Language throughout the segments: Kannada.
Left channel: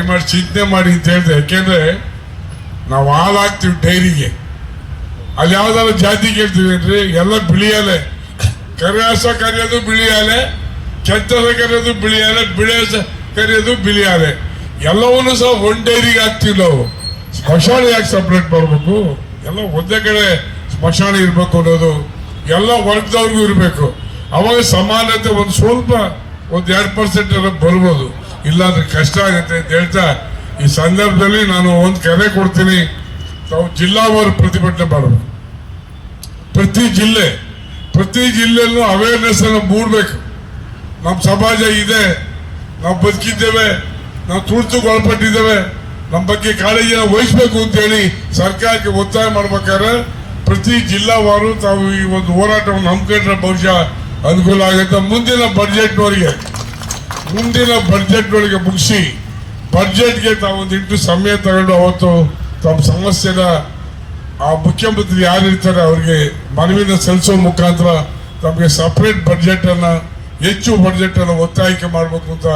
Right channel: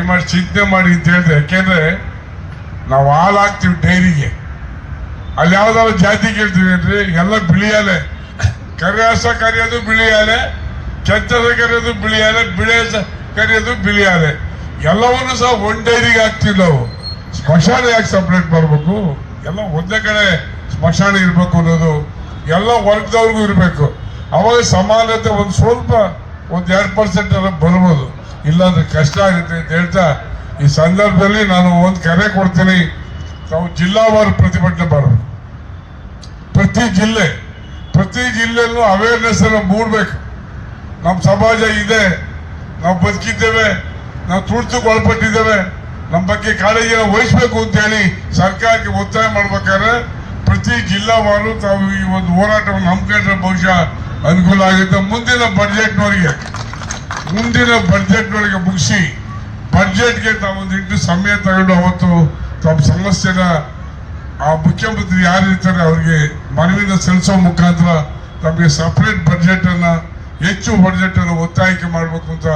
ದಯಮಾಡಿ ಚಿಂತೆ ಮಾಡಿ ಅಂತ ಹೇಳಿದ್ರೆ, ಯಾಕೆಂದ್ರೆ ನಾವು ಹಾಲು ಹಾಕ್ತೀವಿ ಡೈರಿಗೆ. ಅಲ್ಲಿ ಯಾವ್ದಾದ್ರು ಜಾತಿ ಕೇಳ್ತೀವಿ ಎಲ್ಲ ಬಿಳಿಯಾಲೆ ಕರಿಹಾಸ ಕರೆಯೋದು ಬಿಳಿಯಾಲೆ ಕೆತ್ತಸ ಕರೆಯೋದು ಬಿಳಿಯಾಲೆ ಬಿಳಿ ಕರೆಯೋದು ಬಿಳಿಯಾಲೆ ಎಲ್ಲವನ್ನು ಸಹ ಒನ್ ಡೈರಿಗೆ ಹಾಕ್ತೀವಿ ನಾವು. ಸ್ಮಶಾನ ಯಾಕೆ ಸಪ್ರೇಟ್ ಮಾಡ್ಬೇಕು? ಎಲ್ಲ ಒಂದೇ ಕಡೆ ಸ್ಮಶಾನ ಇರ್ಬೇಕು ಅನ್ನೋದು ಎಲ್ಲ ವರ್ಗದವ್ರಿಗೂ ಇರಬೇಕು. ಅವಾಗ ಸಮಾನತೆ ಒಂದು ಸ್ವಲ್ಪ, ಒಂದು ಎರಡು ಪರ್ಸೆಂಟ್ ಬರ್ಬೋದು. ಇಲ್ಲಾಂದ್ರೆ ಕಷ್ಟ ಆಗುತ್ತೆ ಅಂತ ಹೇಳ್ತಾ, ಈ ಸಂದರ್ಭದಲ್ಲಿ ನಾನು ಒಂದು ಕರೆ ಕೊಡ್ತೀನಿ. ತಾವು ಜಿಲ್ಲಾವಾರು ಪ್ರತಿಭಟನೆ ಮಾಡಬೇಕು. ಪ್ರತಿ ಜಿಲ್ಲೆ, ಪ್ರತಿ ಜಿಲ್ಲೆಯಲ್ಲೂ ಅವೇರ್ನೆಸ್ ಅನ್ನು ಮೂಡಬೇಕು. ನಮ್ಮ ಸಮಾಜ ಇದೆ, ನಾವು ಬದುಕಿದ್ದೇವೆ, ನಾವು ತುರ್ತುಗೆ ಒಳಪಟ್ಟಿದ್ದೇವೆ ನಮ್ಮ ಬಗ್ಗೆ ಕಾಳಜಿಯನ್ನು ವಹಿಸಬೇಕು ಅಂತ ಹೇಳಿ ಸರ್ಕಾರಕ್ಕೆ ಒತ್ತಾಯ ಮಾಡ್ಬೇಕಾದ್ರೆ ಪ್ರತಿ ಜಿಲ್ಲಾವಾರು ತಾವು ಈ ಒಂದು ಹೋರಾಟವನ್ನು ಹಮ್ಮಿಕೊಂಡ್ರೆ ಬಹುಶಃ ಅನುಕೂಲ ಆಗುತ್ತೆ. ಮುಂದಿನ ಬಡ್ಜೆಟ್ನವರಿಗೆ ಮುಂದಿನ ಬಜೆಟ್ಗಳಿಗೆ ಮುಗಿಸಿ ಬಜೆಟ್ಗೆ ತಾವೊಂದಿಟ್ಟು ಸಮಯ ತಗೊಂಡು ಅವತ್ತು ತಮ್ಮ ಸಮಸ್ಯೆನ ಆ ಮುಖ್ಯಮಂತ್ರಿ ಯಾರಿರ್ತಾರೆ ಅವರಿಗೆ ಮನವಿನ ಸಲ್ಲಿಸೋ ಮುಖಾಂತರ ತಮಗೆ ಸಪ್ರೇಟ್ ಬಜೆಟನ್ನು ಹೆಚ್ಚು ಬಜೆಟ್ ಅನ್ನು ಒತ್ತಾಯಿಕೆ ಮಾಡಬೇಕು ಅಂತ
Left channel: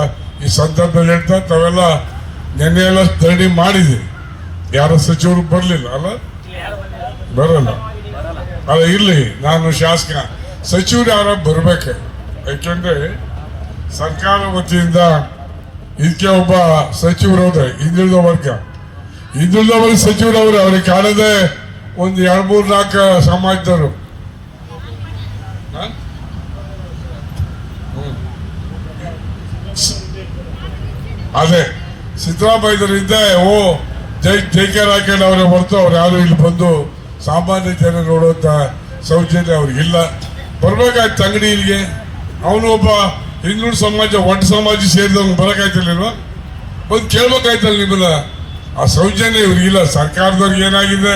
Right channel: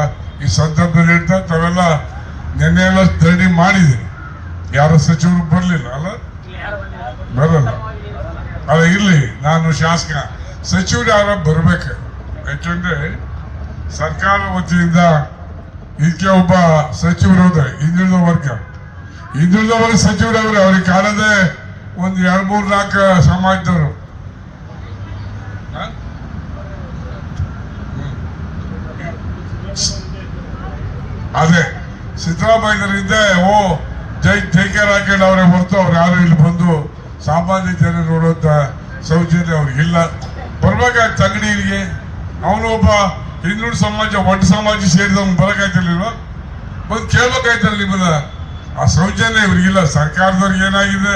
ಈ ಸಂದರ್ಭದಲ್ಲಿ ಹೇಳ್ತಾ ತಾವೆಲ್ಲ ನಿನ್ನೆ ಎಲ್ಲ ಧರಣಿ ಮಾಡಿದೆ ಯಾರು ಸಚಿವರು ಬರಲಿಲ್ಲ, ಅಲ್ಲ? ಬರಲ್ಲ. ಅಲ್ಲ, ಇರ್ಲಿ, ನಾನು ಶಾಸಕ. ಸಚಿವರು ಯಾರ ಬರಬೇಕು. ಯಾಕೆಂದ್ರೆ ಸರ್ಕಾರ ವತಿಯಿಂದ ಇದಕ್ಕೆ ಒಬ್ಬ ಸಚಿವರವ್ರೆ ಹಿಂದುಳಿದ ವರ್ಗ. ಹಿಂದುಳಿದ ವರ್ಗ ಸಚಿವರವ್ರೆ ಅವ್ರಿಗೆ ಕಾಣದೆ ಒಂದು ಎರಡು ಮೂರು ನಾಲ್ಕು ಸಮಾಜದವರು. ಅದೇ ಸಿದ್ದರಾಮಯ್ಯರಿಂದ ಓ, ಜೈ ಜೈಕಾರ ಹಾಕೊಂಡು ಅವರೇ ಹೊರತು ಅವ್ರು ಯಾರು ಇಲ್ಲಿ ಬಂದು ಸಾಮಾನ್ಯ ಜನ ನೋಡುವಂತ ಸೌಜನ್ಯ ಅವ್ರಿಗಿಲ್ಲ. ಬರ್ಬೇಕಾಯ್ತು ಅಂಗಡಿ ಇಲ್ಲಿಗೆ ಅವನು ಒಬ್ಬ ಹಿಂದುಳಿದ ಸಮಾಜ, ಒಟ್ಟು ಸಮಾಜ ಸೇರಿದವ್ನು ಬರಕಾಯ್ತಿರ್ಲಿಲ್ವಾ ಬಂದು ಕೇಳ್ಬೇಕಾಯ್ತಲ್ಲ ನಿಮ್ಮನ್ನ. ಆ ಸೌಜನ್ಯ ಇವ್ರಿಗಿಲ್ಲ. ಸರ್ಕಾರದವ್ರಿಗೆ ಏನಾಗಿದೆ?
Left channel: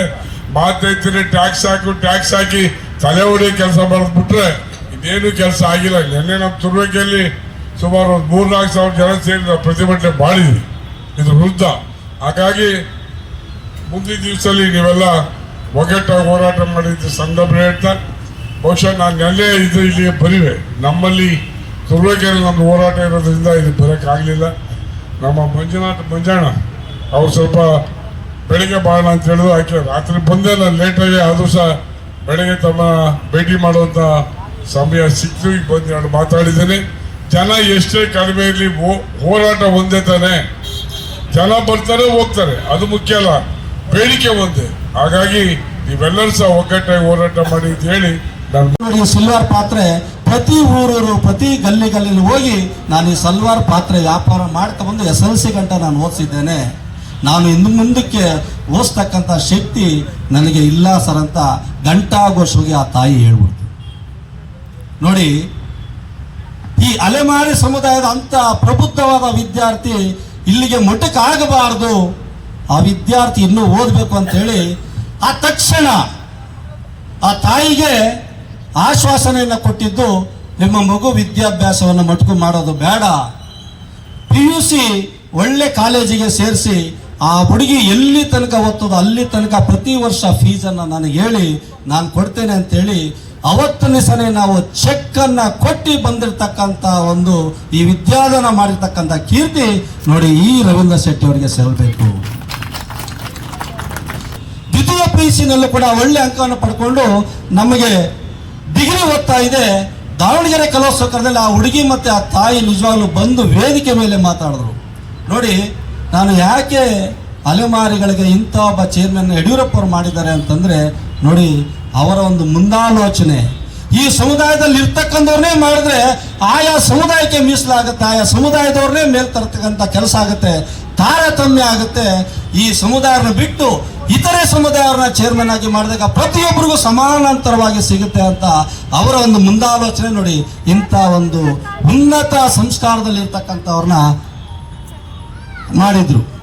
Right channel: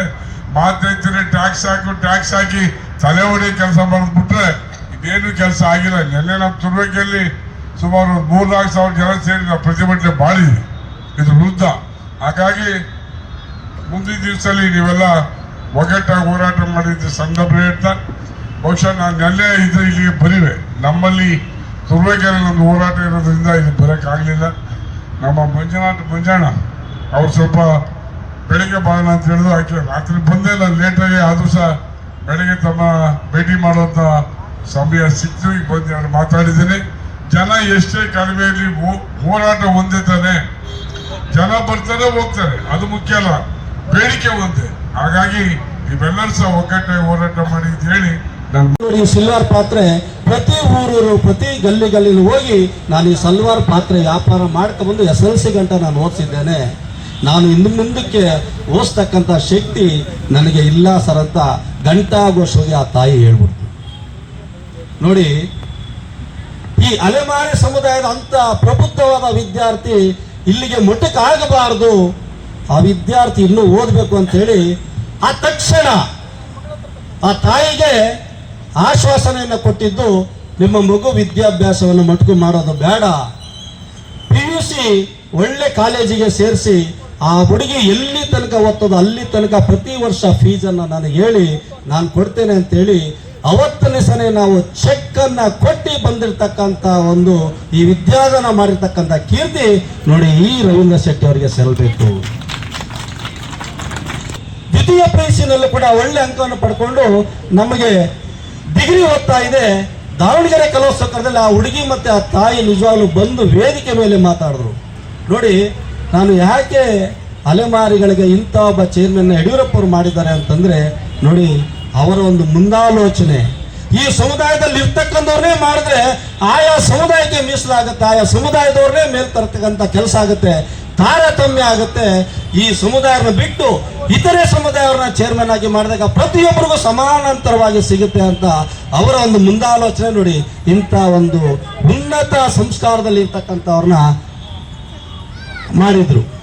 ಮಾತೈತಿರಿ ಟ್ಯಾಕ್ಸ್ ಹಾಕು, ಟ್ಯಾಕ್ಸ್ ಹಾಕಿ ತಲೆ ಹೊಡಿ ಕೆಲಸ ಮಾಡಿದ್ಬಿಟ್ರೆ ಇದೇನು ಕೆಲಸ ಆಗಿಲ್ಲ. ನಿನ್ನೆ ನಮ್ಮ ತುರ್ಬೇಕಲ್ಲಿ ಸುಮಾರು ಒಂದು ಮೂರ್ನಾಲ್ಕು ಸಾವಿರ ಜನ ಸೇರಿ ನಾವು ಪ್ರತಿಭಟನೆ ಮಾಡಿದ್ವಿ. ಇದು ವಿರುದ್ಧ. ಹಾಗಾಗಿ ಮುಂದಿನ ದಿವಸದಲ್ಲಿ ನೀವೆಲ್ಲ ಒಗ್ಗಟ್ಟಾಗಿ ಹೋರಾಟ ಮಾಡಿದ್ದು ಸಂದರ್ಭ ಹೇಳ್ತಾ, ಬಹುಶಃ ನಾನು ನೆಲ್ಲೇ ಇದು ಇಲ್ಲಿಗೆ ಬರಿವೆ. ನಮ್ಮಲ್ಲಿ ತುರ್ಬೇಕೆರೆ ನಮ್ದು ಹೋರಾಟ ಇರೋದ್ರಿಂದ ಇದು ಬರೋಕ್ಕಾಗಲಿಲ್ಲ. ನಮ್ಮ ಮಂಜುನಾಥ್ ಮಂಜಾಣ ಅವ್ರು ಸ್ವಲ್ಪ ಬೆಳಿಗ್ಗೆ ಬಾಳ ಅಂತ ಹೇಳಿದ್ರು. ಆಕೆ ರಾತ್ರಿ ಬಂದೇ ಇಲ್ಲ ಲೇಟಾಗಿ ಆದರೂ ಸಹ ಬೆಳಗ್ಗೆ ತಮ್ಮ ಭೇಟಿ ಮಾಡುವಂತ ಸಮಯ ಸಿಕ್ತು. ಈಗ ಬಂದು ಎರಡು ಮಾತಾಡಿದ್ದೀನಿ. ಜನ ಎಷ್ಟೇ ಕಡಿಮೆ ಇರಲಿ ಹೋರಾಟ ಒಂದೇ ತಾನೆ. ಜನ ಬರ್ತಾರೆ, ಹೋಗ್ತಾರೆ. ಅದು ಮುಖ್ಯ ಅಲ್ಲ. ಬೇಡಿಕೆ ಒಂದೇ. ಹಾಗಾಗಿ ನೀವೆಲ್ಲರೂ ಸಹ ಒಗ್ಗಟ್ಟಾಗಿ ಹೋರಾಟ ಮಾಡಿ ಅಂತ ಹೇಳಿ ನಾನು ಈ ಸಿಲ್ವರ್ ಪಾತ್ರೆ ಪ್ರತಿ ಊರೂರು, ಪ್ರತಿ ಗಲ್ಲಿ ಗಲ್ಲಿಲಿ ಹೋಗಿ ನಾನು ಈ ಸಲ್ವಾರ್ ಪಾತ್ರೆ ವ್ಯಾಪಾರ ಮಾಡ್ಕೊಂಡ್ಬಂದು ಎಸ್ ಎಲ್ ಸಿ ಗಂಟ ನಾನು ಓದಿಸಿದ್ದೇನೆ. ನಾನು ಇನ್ನು ಮುಂದಕ್ಕೆ ಓದಿಸ್ತಕ್ಕಂಥ ಶಕ್ತಿ ನನಗೆ ಇಲ್ಲ ಸರ್ ಅಂತ ಘಂಟಾಘೋಷವಾಗಿ ಆ ತಾಯಿ ಹೇಳ್ಬಿಡ್ತು. ನೋಡಿ, ಈ ಅಲೆಮಾರಿ ಸಮುದಾಯದ ಅಂತ ಪ್ರಬುದ್ಧವಾದ ವಿದ್ಯಾರ್ಥಿ ಇಲ್ಲಿಗೆ ಮೊಟಕಾಗಬಾರದು ಆ ವಿದ್ಯಾರ್ಥಿ ಇನ್ನೂ ಓದಬೇಕು ಅಂತ ಹೇಳಿ ಆ ತಕ್ಷಣ ಆ ತಾಯಿಗೆ ಆಶ್ವಾಸನೆಯನ್ನು ಕೊಟ್ಟಿದ್ದು ನಿಮ್ಮ ಮಗು ವಿದ್ಯಾಭ್ಯಾಸವನ್ನು ಮಟ್ಕು ಮಾಡೋದು ಬೇಡ. ಪಿ ಯು ಸಿ ಒಳ್ಳೆ ಕಾಲೇಜಿಗೆ ಸೇರಿಸಿ ಆ ಹುಡುಗಿ ಎಲ್ಲಿ ತನಕ ಓದ್ತದೋ ಅಲ್ಲಿ ತನಕ ಪ್ರತಿ ವರ್ಷ ಫೀಸನ್ನು ನನಗೆ ಹೇಳಿ, ನಾನು ಕೊಡ್ತೇನೆ ಅಂತೇಳಿ ಅವತ್ತನೇ ಸರಿ ನಾವು ಚೆಕ್ಕನ್ನು ಕೊಟ್ಟು ಬಂದಿರತಕ್ಕಂತ ಒಂದು ಈ ವಿದ್ಯಾದಾನ ಮಾಡಿರ್ತಕ್ಕಂಥ ಕೀರ್ತಿ ನೋಡಿ ಈ ರವೀಂದ್ರ ಶೆಟ್ಟಿ ಅವರಿಗೆ ಸಲ್ಲಬೇಕು ದ್ವಿತೀಯ ಪ್ರೈಸಿನಲ್ಲೂ ಕೂಡ ಒಳ್ಳೆ ಅಂಕವನ್ನು ಪಡ್ಕೊಂಡು ನಮಗೆ ಡಿಗ್ರಿ ಓದ್ತಾ ಇದೆ, ದಾವಣಗೆರೆ ಕಲೋತ್ಸವದಲ್ಲಿ ಆ ಹುಡುಗಿ ಮತ್ತೆ ಆ ತಾಯಿ ನಿಜವಾಗ್ಲೂ ಬಂದು ವೇದಿಕೆ ಮೇಲೆ ಮಾತಾಡಿದ್ರು. ನೋಡಿ, ನಾನು ಯಾಕೆ ಅಲೆಮಾರಿಗಳಿಗೆ ಇಂಥ ಒಬ್ಬ ಚೇರ್ಮನ್ ಯಡಿಯೂರಪ್ಪ ಅವರು ಮಾಡಿದ್ದಾರೆ ಅಂತಂದ್ರೆ, ನೋಡಿ, ಅವರ ಒಂದು ಮುಂದಾಲೋಚನೆ. ಈ ಸಮುದಾಯದಲ್ಲಿ ಇರ್ತಕ್ಕಂಥವ್ರನ್ನೇ ಮಾಡಿದ್ರೆ ಆಯಾ ಸಮುದಾಯಕ್ಕೆ ಮೀಸಲಾಗುತ್ತೆ, ಆಯಾ ಸಮುದಾಯದವ್ರನ್ನೇ ಮೇಲ್ ತರ್ತಕ್ಕಂಥ ಕೆಲಸ ಆಗುತ್ತೆ. ತಾರತಮ್ಯ ಆಗುತ್ತೆ. ಈ ಸಮುದಾಯವನ್ನು ಬಿಟ್ಟು ಇತರೆ ಸಮುದಾಯವ್ರನ್ನ ಚೇರ್ಮನ್ ಆಗಿ ಮಾಡಿದಾಗ ಪ್ರತಿಯೊಬ್ಬರಿಗೂ ಸಮಾನಾಂತರವಾಗಿ ಸಿಗುತ್ತೆ ಅಂತ ಅವರ ಒಂದು ಮುಂದಾಲೋಚನೆ ನೋಡಿ. ಇಂಥ ಒಂದು ಉನ್ನತ ಸಂಸ್ಕಾರದಲ್ಲಿ ಇರ್ತಕ್ಕಂಥವ್ರನ್ನ ಮಾಡಿದ್ರು.